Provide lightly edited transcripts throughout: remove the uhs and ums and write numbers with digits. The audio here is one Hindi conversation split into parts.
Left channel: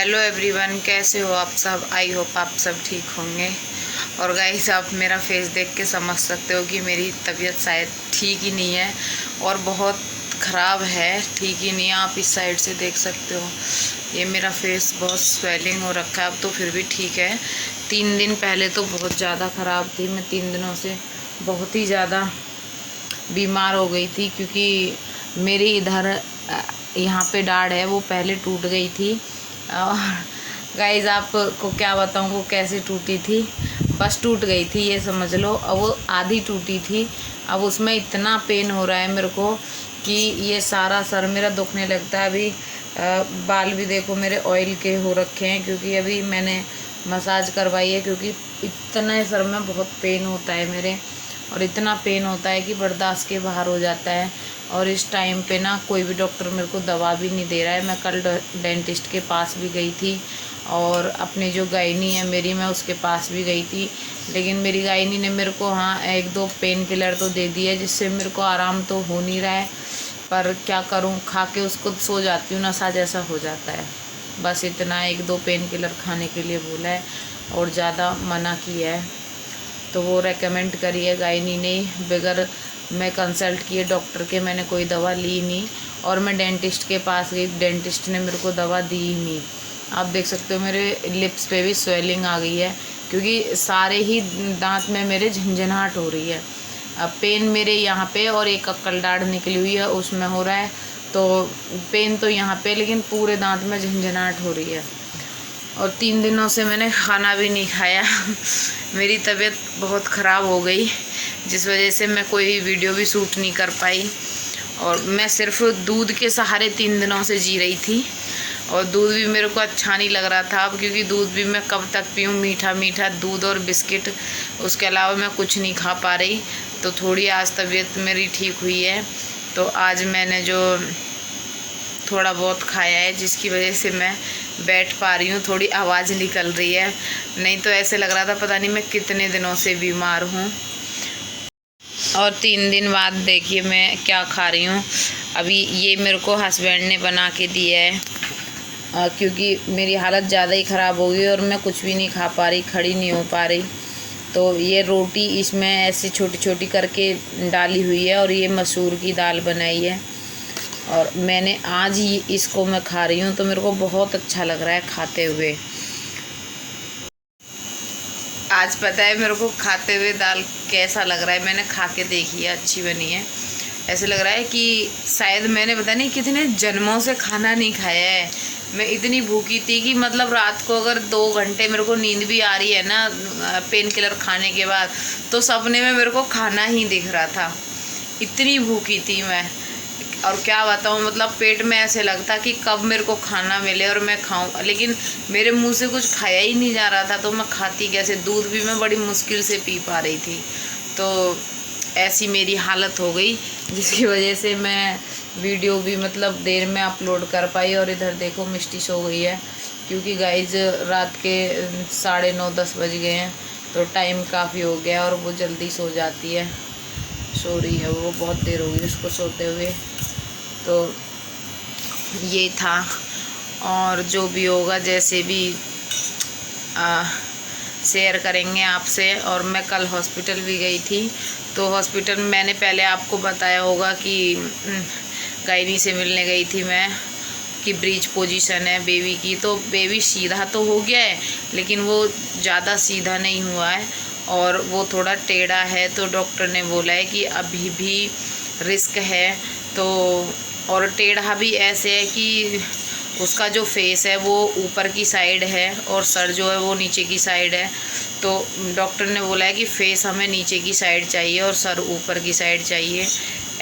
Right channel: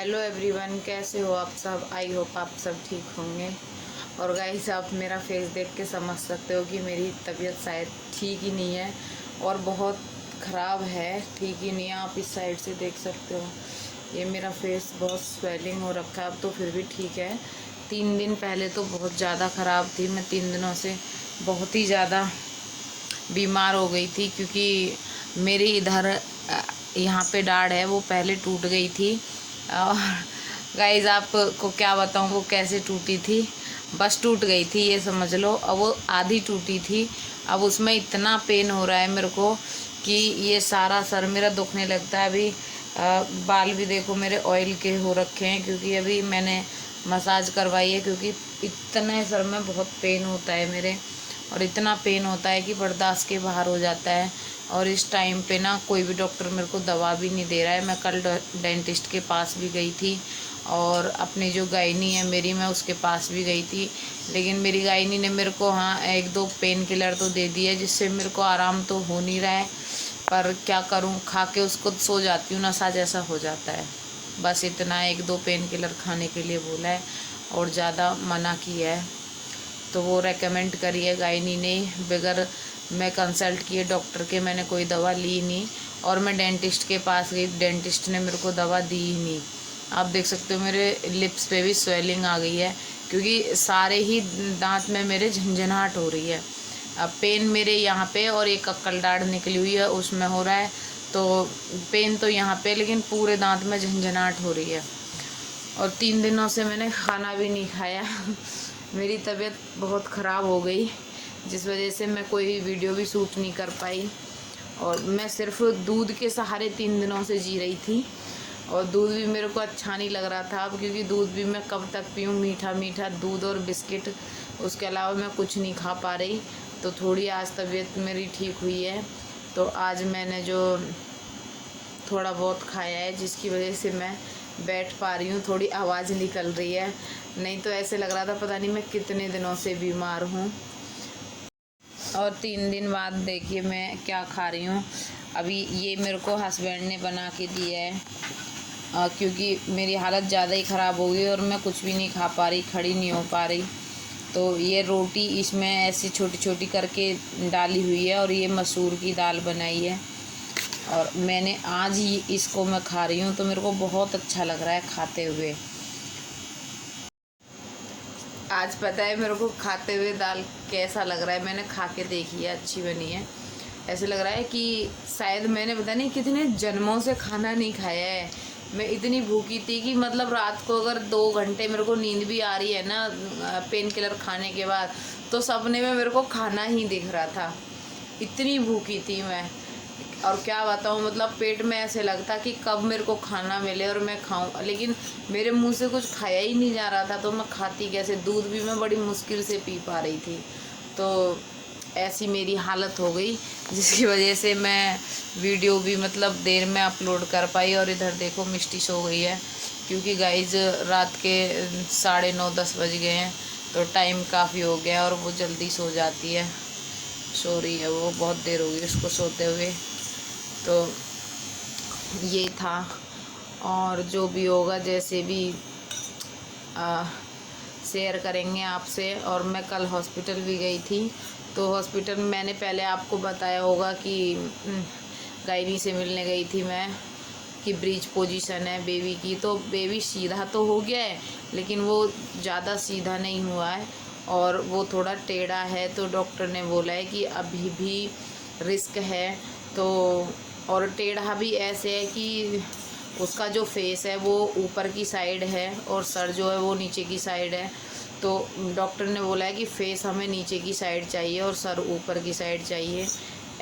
हेलो एवरीवन, कैसे हो आप सब। आई होप आप सब ठीक होंगे। और गाइस, आप मेरा फेस देख के समझ सकते हो कि मेरी तबीयत शायद ठीक ही नहीं है और बहुत ख़राब है। ठीक ही नहीं है। आप इस साइड से देख सकते हो, ये मेरा फेस बहुत स्वेलिंग हो रखा है। अब तो फिर भी ठीक है। 3 दिन पहले तो बहुत ज़्यादा ख़राब थी। मैं 3 दिनों से बहुत ही ज़्यादा बीमार हो गई थी, क्योंकि मेरी इधर यहाँ पे दाढ़ है, वो पहले टूट गई थी। और गाइज, आपको क्या बताऊँ वो कैसे टूटी थी। बस टूट गई थी, ये समझ लो। अब वो आधी टूटी थी। अब उसमें इतना पेन हो रहा है मेरे को कि ये सारा सर मेरा दुखने लगता है। अभी बाल भी देखो मेरे ऑयल के हो रखे हैं, क्योंकि अभी मैंने मसाज करवाई है। क्योंकि इतना सर में बहुत पेन होता है मेरे, और इतना पेन होता है कि बर्दाश्त के बाहर हो जाता है। और इस टाइम पे ना कोई भी डॉक्टर मेरे को दवा भी नहीं दे रहा है। मैं कल डेंटिस्ट के पास भी गई थी, और अपनी जो गायनी है मेरी, मैं उसके पास भी गई थी। लेकिन मेरी गायनी ने मेरे को 1-2 पेन किलर तो दे दिए, जिससे मेरे को आराम तो हो नहीं रहा है। पर क्या करूं, खा के उसको सो जाती हूँ, नशा जैसा हो जाता है। बस इतना 1-2 पेन किलर खाने के लिए बोला है, और ज़्यादा मना किया है। तो वो रेकमेंड करी है गायनी ने, बगैर मैं कंसल्ट किए डॉक्टर के मैंने कोई दवा ली नहीं। और मैं डेंटिस्ट के पास गई, डेंटिस्ट ने मेरे को दवा दी ही नहीं। आप देख सकते हो मेरे लिप्स पे भी स्वेलिंग आ गई है, क्योंकि सारे ही दांत में मेरे झंझनाहट हो रही है। अब पेन मेरे यहाँ पे, और एक अक्कल दाढ़ निकली हुई है उसमें हो रहा है। तो पेन तो यहाँ पे, लेकिन पूरे दांत में झंझनाहट हो रही है। और 3 दिनों से मैंने खाना भी नहीं खाया। मेरी तबीयत बहुत ख़राब हो गई, जिस वजह से मैं कोई वीडियो भी शूट नहीं कर पाई। और मैं सिर्फ दूध के सहारे 3 दिनों से जी रही थी। और दूध भी मेरे को अच्छा नहीं लग रहा था अब, क्योंकि दूध भी मैं कब तक पीऊँ, मीठा मीठा दूध और बिस्किट, उसके अलावा मैं कुछ नहीं खा पा रही। तो थोड़ी आज तबीयत मेरी ठीक हुई है। तो आज मैंने जो थोड़ा बहुत खाया है, जिसकी वजह से मैं बैठ पा रही हूँ, थोड़ी आवाज़ निकल रही है। नहीं तो ऐसे लग रहा था पता नहीं मैं कितने दिनों से बीमार हूँ। और 3 दिन बाद देखिए मैं क्या खा रही हूँ। अभी ये मेरे को हस्बैंड ने बना के दिया है, क्योंकि मेरी हालत ज़्यादा ही ख़राब हो गई और मैं कुछ भी नहीं खा पा रही, खड़ी नहीं हो पा रही। तो ये रोटी इसमें ऐसी छोटी छोटी करके डाली हुई है, और ये मसूर की दाल बनाई है। और मैंने आज ही इसको मैं खा रही हूँ, तो मेरे को बहुत अच्छा लग रहा है खाते हुए। आज पता है मेरे को खाते हुए दाल कैसा लग रहा है। मैंने खा के देखी है, अच्छी बनी है। ऐसे लग रहा है कि शायद मैंने पता नहीं कितने जन्मों से खाना नहीं खाया है। मैं इतनी भूखी थी कि मतलब रात को अगर 2 घंटे मेरे को नींद भी आ रही है ना पेन किलर खाने के बाद, तो सपने में मेरे को खाना ही दिख रहा था। इतनी भूखी थी मैं। और क्या बताऊँ, मतलब पेट में ऐसे लगता कि कब मेरे को खाना मिले और मैं खाऊं, लेकिन मेरे मुंह से कुछ खाया ही नहीं जा रहा था। तो मैं खाती कैसे। दूध भी मैं बड़ी मुश्किल से पी पा रही थी। तो ऐसी मेरी हालत हो गई, जिसकी वजह से मैं वीडियो भी मतलब देर में अपलोड कर पाई। और इधर देखो मिष्टी सो गई है, क्योंकि गाइज रात के 9:30-10 बज गए हैं। तो टाइम काफ़ी हो गया, और वो जल्दी सो जाती है, सो रही है वो, बहुत देर हो गई उसको सोते हुए। तो ये था। और जो भी होगा जैसे भी शेयर करेंगे आपसे। और मैं कल हॉस्पिटल भी गई थी। तो हॉस्पिटल में मैंने पहले आपको बताया होगा कि गायनी से मिलने गई थी मैं, कि ब्रीच पोजीशन है बेबी की। तो बेबी सीधा तो हो गया है, लेकिन वो ज़्यादा सीधा नहीं हुआ है, और वो थोड़ा टेढ़ा है। तो डॉक्टर ने बोला है कि अभी भी रिस्क है। तो और टेढ़ा भी ऐसे है कि उसका जो फेस है वो ऊपर की साइड है, और सर जो है वो नीचे की साइड है। तो डॉक्टर ने बोला है कि फेस हमें नीचे की साइड चाहिए और सर ऊपर की साइड चाहिए।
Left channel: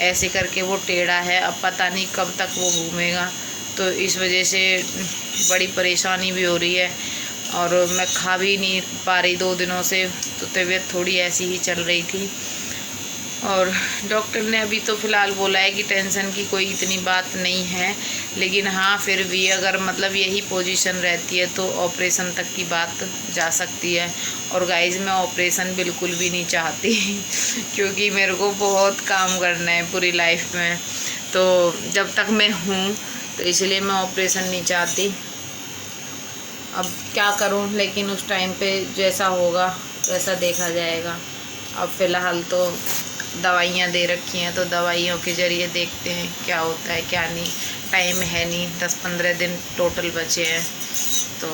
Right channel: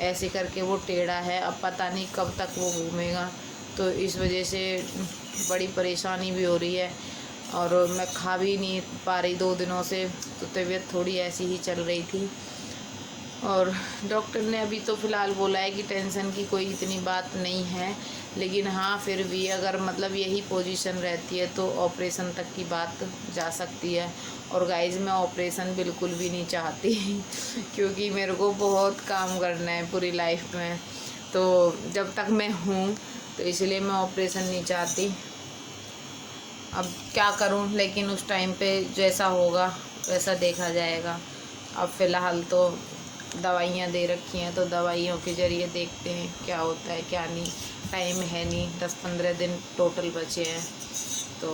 ऐसे करके वो टेढ़ा है। अब पता नहीं कब तक वो घूमेगा। तो इस वजह से बड़ी परेशानी भी हो रही है, और मैं खा भी नहीं पा रही 2 दिनों से। तो तबीयत थोड़ी ऐसी ही चल रही थी। और डॉक्टर ने अभी तो फ़िलहाल बोला है कि टेंशन की कोई इतनी बात नहीं है, लेकिन हाँ फिर भी अगर मतलब यही पोजीशन रहती है तो ऑपरेशन तक की बात जा सकती है। और गाइस, मैं ऑपरेशन बिल्कुल भी नहीं चाहती क्योंकि मेरे को बहुत काम करना है पूरी लाइफ में। तो जब तक मैं हूँ, तो इसलिए मैं ऑपरेशन नहीं चाहती। अब क्या करूं, लेकिन उस टाइम पे जैसा होगा वैसा देखा जाएगा। अब फ़िलहाल तो दवाइयाँ दे रखी हैं, तो दवाइयों के ज़रिए देखते हैं क्या होता है क्या नहीं। टाइम है नहीं, 10-15 दिन टोटल बचे हैं, तो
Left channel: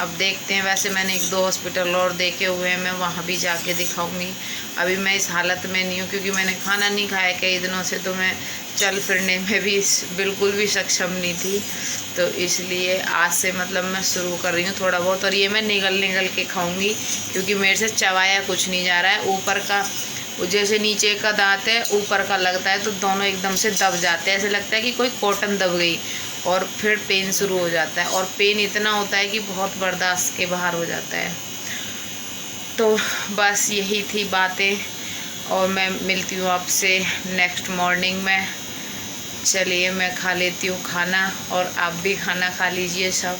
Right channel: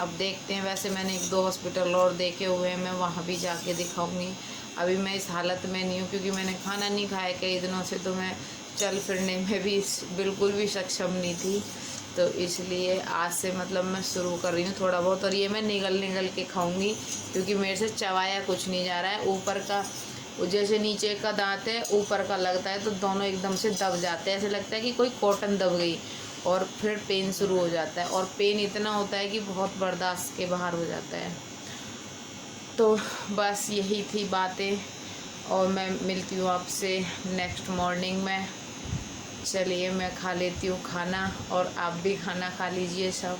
अब देखते हैं। वैसे मैंने 1-2 हॉस्पिटल और देखे हुए हैं, मैं वहाँ भी जाके दिखाऊंगी। अभी मैं इस हालत में नहीं हूँ क्योंकि मैंने खाना नहीं खाया कई दिनों से, तो मैं चल फिरने में भी बिल्कुल भी सक्षम नहीं थी। तो इसलिए आज से मतलब मैं शुरू कर रही हूँ थोड़ा बहुत, और ये मैं निगल के खाऊंगी क्योंकि मेरे से चबाया कुछ नहीं जा रहा है। ऊपर का जैसे नीचे का दांत है, ऊपर का लगता है, तो दोनों एकदम से दब जाते हैं, ऐसे लगता है कि कोई कॉटन दब गई, और फिर पेन शुरू हो जाता है, और पेन इतना होता है कि बहुत बर्दाश्त के बाहर हो जाता है। तो बस यही थी बातें, और मैं मिलती हूँ आपसे नेक्स्ट मॉर्निंग में। चलिए मैं खा लेती हूँ खाना, और आप भी खाना खा लीजिए सब।